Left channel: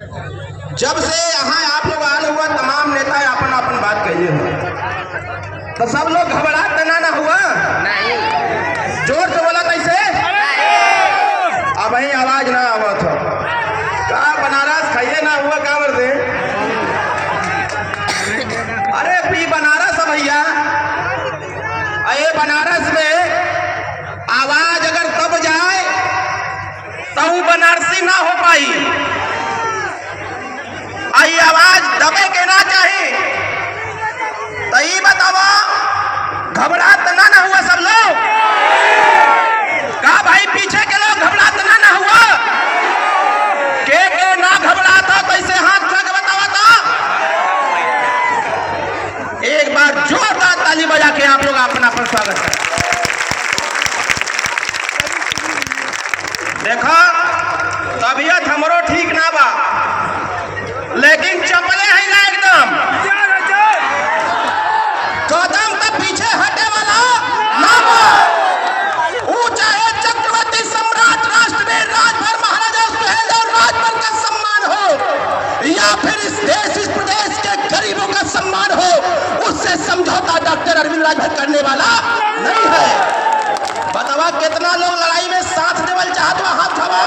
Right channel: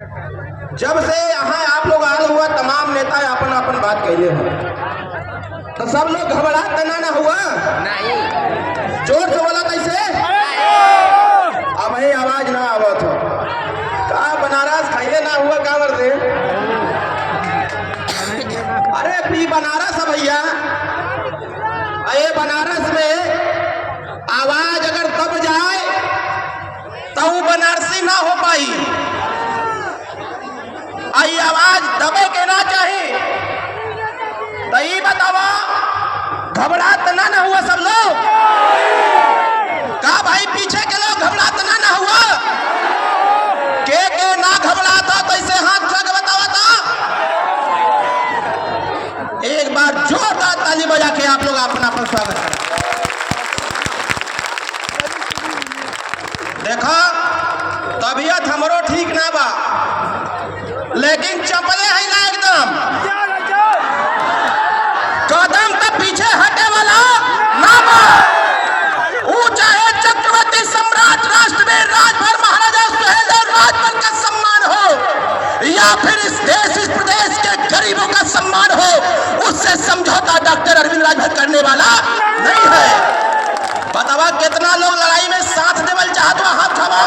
जब से यहाँ आप लोग आल हुआ तमाम नेता अपन अपन बात कहले हो तो सब लोग घबरा तना ना हुआ नहीं। जोर से बोला कैसे अब ही आवाज ना आवत हो का बनारस खाइए ना हुआ क्या बोलते अरे पी बनारस भैया ये बनारस में आवाज अगर तब जाए तो वो बनारसी ना हो पाई। आई आवाज दबे के ना चाहिए तो ये बताओ घबराहट ना हुआ सब लोग का भाई पीछे के लोग घबराहट ना हुआ के ना घबराता कैसे हाथ उठा के बताओ तो एक बार जोरदार ताली बजा के आप लोग अपना अपना स्वागत करें। देखो तबीयत हमरो ठीक ना बा लेकिन चपले है ना एकदम कदम पे पीछे हटे वाला ना ऊंचा है चक्रवर्ती सम्राट राष्ट्रवीर राजभर महाराजा सुहेलदेव राजभर का सम्मान हो या फिर इस देश इस प्रदेश के गरीबों का सम्मान हो उससे समझौता डॉक्टर अरविंद राजभर करने वाला नहीं है। बतावा कितना लोग लड़ाई में साथ देवल चाहत बा हाथ खवा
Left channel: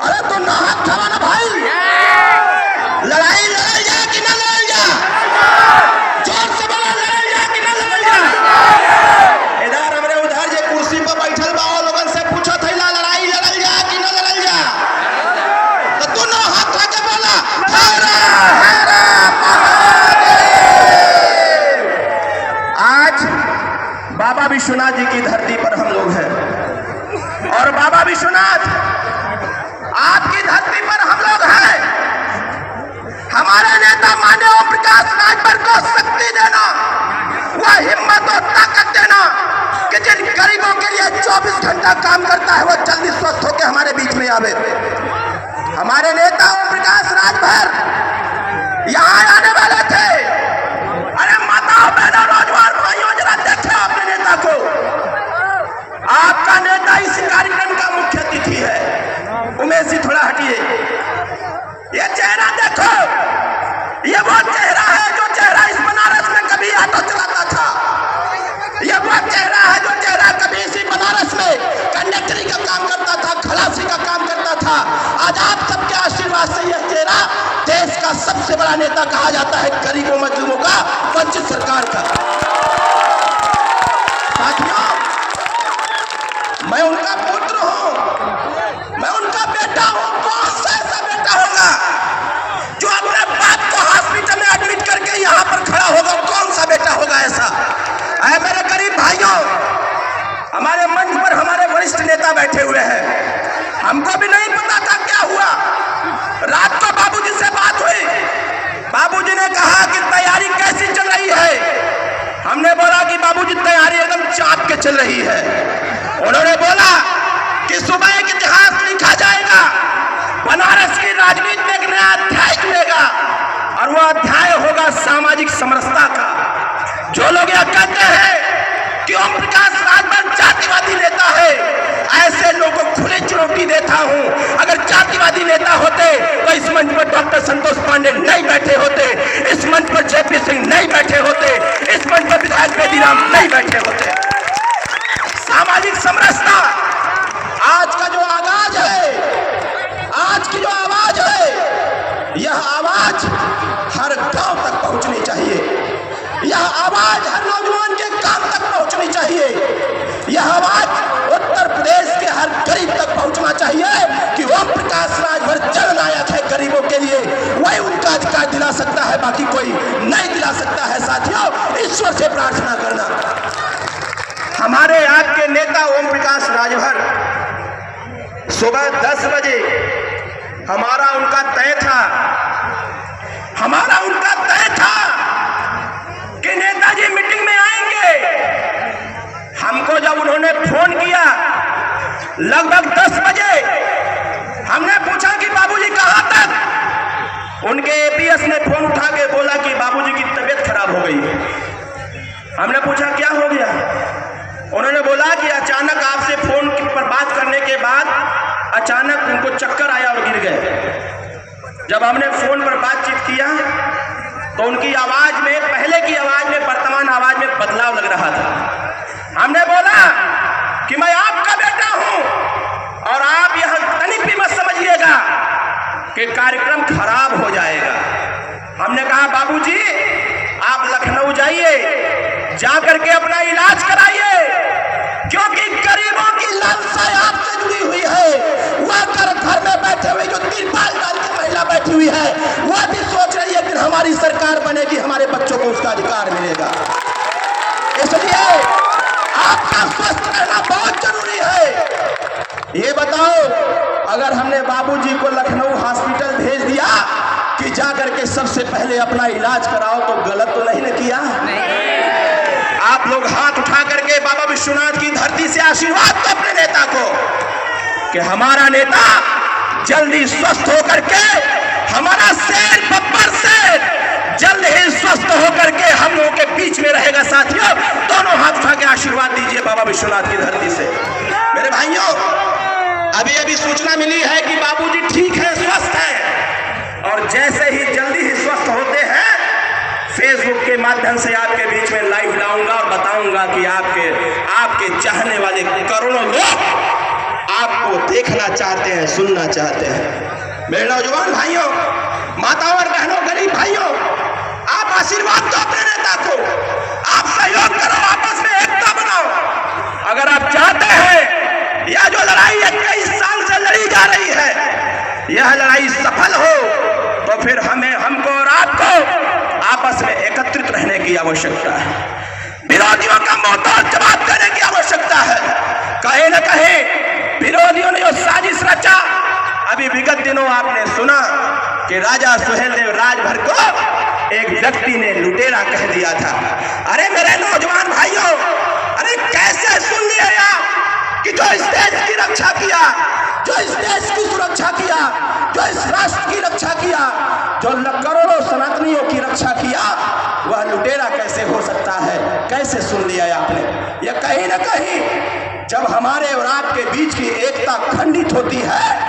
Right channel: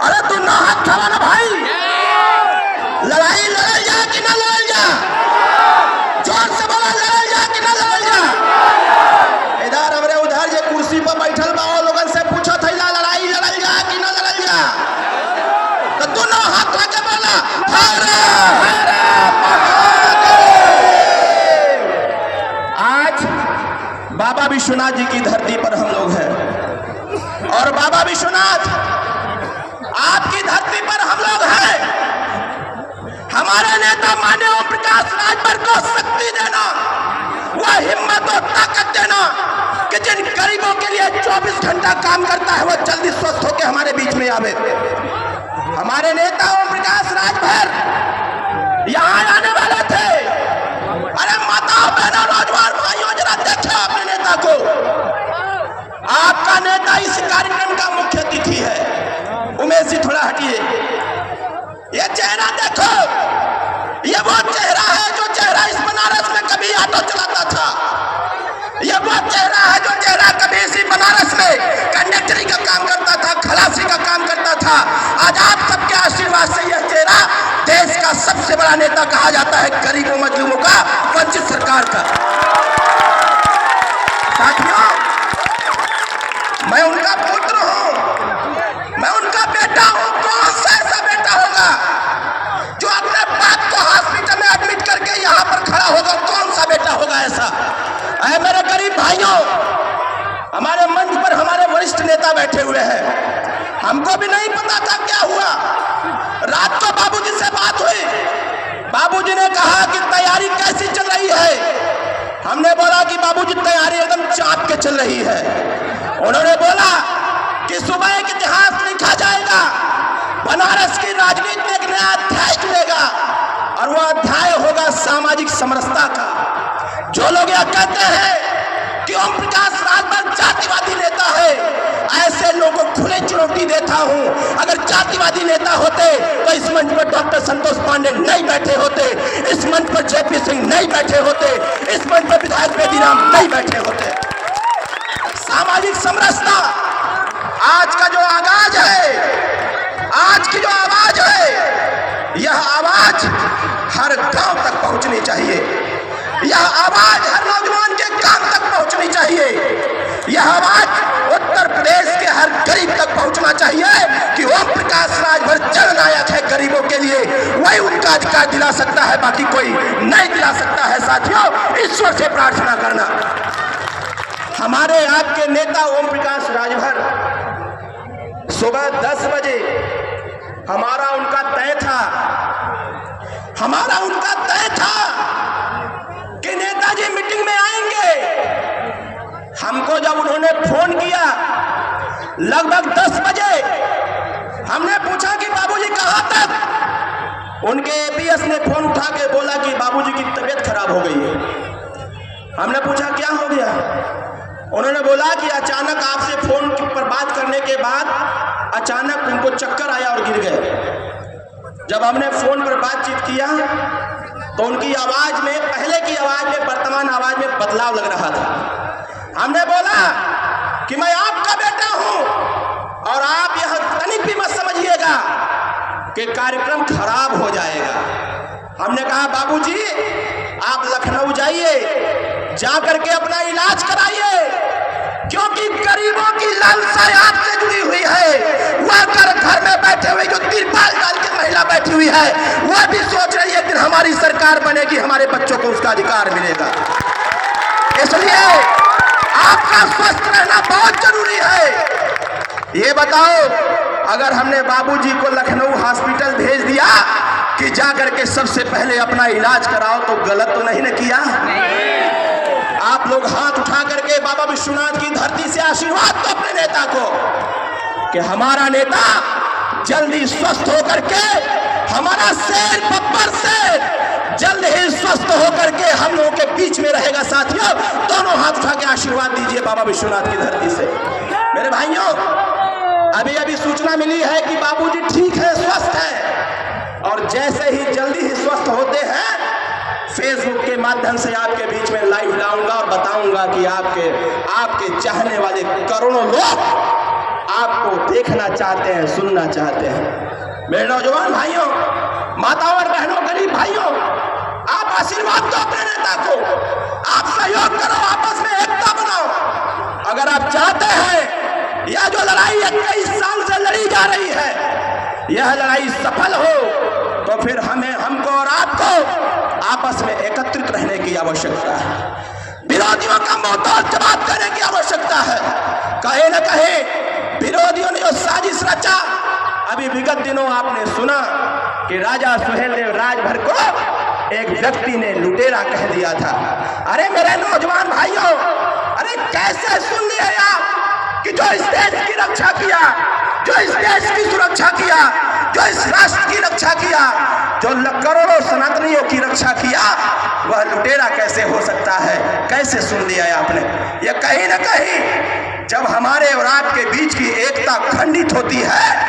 अरे तुम ना हाथ खवा ना भाई लड़ाई लड़ जा कि ना लड़ जा जोर से बोलो लड़ जा कि ना लड़ जा। इधर हमरे उधर जे कुर्सी पर बैठल बा वो लोगन से पूछो थे ना लड़ाई लड़ जा कि ना लड़ जा तो तू ना हाथ खा के बोला आज बाबा विश्वनाथ जी की धरती पर हम लोग हैं और बाबा विश्वनाथ आपकी धरती पर हम लोग हैं। हमारे नेता माननीय ओम प्रकाश राजभर को शक्ति देना वह हिम्मत और ताकत देना कि जिन गरीबों के लिए 24 घंटा काम करता है वो जल्दी स्वस्थ होकर हमारे बीच में आवे। हमारे नेता ओम प्रकाश राजभर यहाँ आने वाले थे। अरे माताओं बहनों नौजवान भाइयों जरा देखे अपने नेता को। आपका नेता इस कार्यक्रम का मुख्य अतिथि है। उमेश जी थोड़ा हटिए ये चेहरा देखो ये वो चेहरा है जो चेहरा इस बनारस में कभी ऑटो चलाता था। ये वो चेहरा है जो चेहरा कभी इसी बनारस में कंडक्टरी का काम करता था खलासी का काम करता था। आज आप सबके आशीर्वाद से यह चेहरा देश का सबसे बड़ा नेता कहा जाता है गरीबों मजदूरों का वंचित सरकार का। साथियों मैं उनका पुत्र हूं मैं उनका बेटा हूं। कौन सा ऐसा बेटा होगा जो अपने बाप को हॉस्पिटल में एडमिट करके यहाँ पर खड़ा होगा? कौन सा बेटा होगा ऐसा? ऐ मेरे गरीब भाइयों हमारे मंच पर हमारे वरिष्ठ नेता बैठे हुए हैं। हमको भी नहीं पता था क्या हुआ। रात को बाबूजी से बात हुई। बाबूजी ने कहा कि तैयारी कैसी चल रही है। हमने बोला कि बाबूजी तैयारी एकदम चाप के चल रही है। उन्होंने बोला कि सुबह एक इतिहास लिखा जाएगा बनारस की राजनीति में एक नया अध्याय खुलेगा और वो अध्याय होगा सामाजिक समरसता का। जो लोग यह कहते हैं कि ओम प्रकाश राजभर जातिवादी नेता है ऐसे लोगों को खुले चुनौती देता हूं। अगर जातिवादी नेता होते तो इस मंच पर डॉक्टर संतोष पांडे नहीं बैठे होते, इस मंच पर जेपी सिंह नहीं बैठे होते, इस मंच पर विधायक बेदीराम नहीं बैठे होते। सामाजिक समरसता आज का जो आवाज है आज की जो आवाज है यह आवाज हर गांव तक पहुंचनी चाहिए। यह आवाज हर नौजवान के कान तक पहुंचनी चाहिए। यह आवाज उत्तर प्रदेश के हर गरीब तक पहुंचना चाहिए कि ओम प्रकाश राजभर जननायक है गरीबों के लिए। वही उनका अधिकार दिला सकता है बाकी कोई नहीं दिला सकता है। साथियों ईश्वर से प्रार्थना करना। हमारे आपके नेता ओम प्रकाश राजभर सुबह 10 बजे हमारा उनका तय था कि नेताजी मीटिंग में आएंगे। हमको जब उन्होंने फोन किया लगभग 10 बजे हमने पूछा कि बाबूजी कहां तक? उनके एपीएस ने फोन उठा के बोला कि बाबूजी की तबीयत खराब हो गई है। हमने पूछा क्या हो गया? उन्होंने बोला कि अचानक आपसे फोन पर बात करने के बाद अचानक उनको चक्कर आया और गिर गए। जब हमने फोन पर बातचीत किया तो उनकी आवाज में, पहले की आवाज में वर्तमान आवाज में बदलाव लग रहा था। हमने बोला कि मैं आपका बेटा हूं और आप यह तनिक भी मत समझिएगा कि कार्यक्रम खराब हो जाएगा। हमने कहा बाबूजी आप लखनऊ जाइए, जाकर के अपना इलाज कराइए, क्योंकि गरीबों की लालसा आपसे जुड़ी हुई है। वह घर में बैठे हुए जो तिरपाल डाल के महिला बैठी हुई है, वह भी सोच रही है कि हमारी सरकार बनेगी, हमारे बच्चों को उसका अधिकार मिलेगा। इसलिए आपका स्वस्थ रहना बहुत जरूरी है। ये बताओ, अगर हमने बाबूजी को लखनऊ हॉस्पिटल भेज दिया कि जाकर के सबसे पहले अपना इलाज कराओ, तो गलत तो नहीं न किया? आप लोग हाथ उठा करके बाबा विश्वनाथ की धरती से आशीर्वाद दो अपने नेता को कि हमारा नेता जल्दी स्वस्थ होकर के, हमारा शेर बब्बर शेर जल्द ही स्वस्थ होकर के हम लोगों के बीच में रहेगा। साथियों, दोनों हाथ उठा के आशीर्वाद दीजिए बाबा विश्वनाथ की धरती से। मेरे भाइयों, अभी अभी सूचना मिली है कि बाबूजी ठीक है, स्वस्थ है, और जैसे ही जल्दी ही स्वस्थ होते हैं फेसबुक के माध्यम से आपके बीच में लाइव लाऊंगा और बताऊंगा कि आपके चाहने वाले करोड़ों लोग आपको देखना चाहते हैं, सुनना चाहते हैं। मेरे नौजवान भाइयों, माताओं और बहनों, गरीब भाइयों, आप आशीर्वाद दो अपने नेता को, आप सहयोग करो, आपस में एकता बनाओ। अगर आप चाहते हैं यह जो लड़ाई 21 साल से लड़ी जा रही है, यह लड़ाई सफल हो, तो फिर हमको और आपको आपस में एकत्रित रहने की आवश्यकता है। विरोधियों का मुंहतोड़ जवाब देने की आवश्यकता है। कहीं न कहीं विरोधियों ने जो साजिश रचा, अभी विगत दिनों आपने सुना कि राजा सुहेलदेव राजभर को एक व्यक्ति ने लुटेरा कह दिया था। अरे मेरे नौजवान भाइयों, अरे कैसे सुन लिया आप कि जो इस देश की रक्षा किया, जो इस देश की सुरक्षा किया, जो इस राष्ट्र की रक्षा किया, जो करोड़ों सनातनियों की रक्षा किया, वह लुटेरा कैसे हो सकता है? कैसे सुन लिया है आपने? यह कहीं न कहीं जब हमारे और आपके बीच की एकता खंडित होती है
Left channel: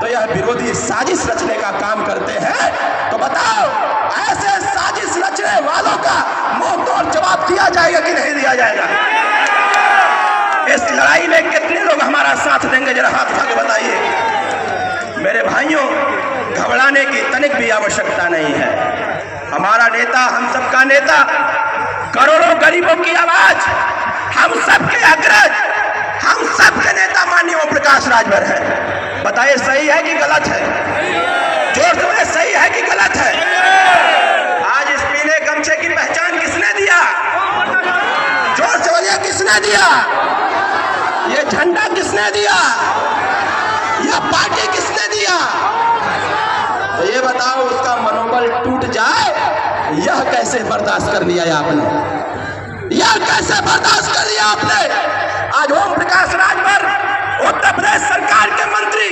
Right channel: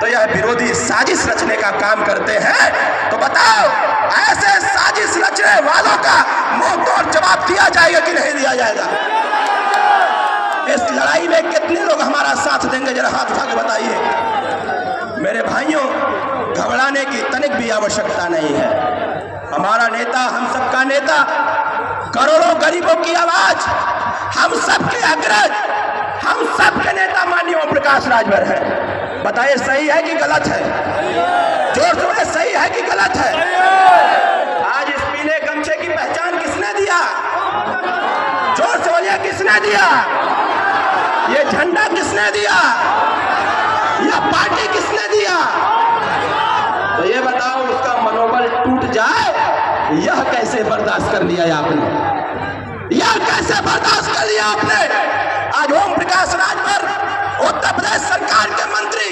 तो यह विरोधी साजिश रचने का काम करते हैं। तो बताओ, ऐसे साजिश रचने वालों का मुंह तोड़ जवाब दिया जाएगा कि नहीं दिया जाएगा? इस लड़ाई में कितने लोग हमारा साथ देंगे? जरा हाथ उठा के बताइए। मेरे भाइयों, घबराने की तनिक भी आवश्यकता नहीं है। हमारा नेता, हम सबका नेता, करोड़ों गरीबों की आवाज, हम सबके अग्रज, हम सबके नेता माननीय ओम प्रकाश राजभर है। बताइए, सही है कि गलत है? जोर से बोले, सही है कि गलत है? आज इस पीले गमछे की पहचान किसने दिया? जोर से बोलिए, किसने दिया? ये झंडा किसने दिया? यह पार्टी किसने दिया? तो ये बताओ, उसका मनोबल टूट जाए, यह कैसे बर्दाश्त कर लिया आपने? यह कैसे बर्दाश्त कर लिया आपने? आज ओम प्रकाश राजभर उत्तर प्रदेश सरकार के मंत्री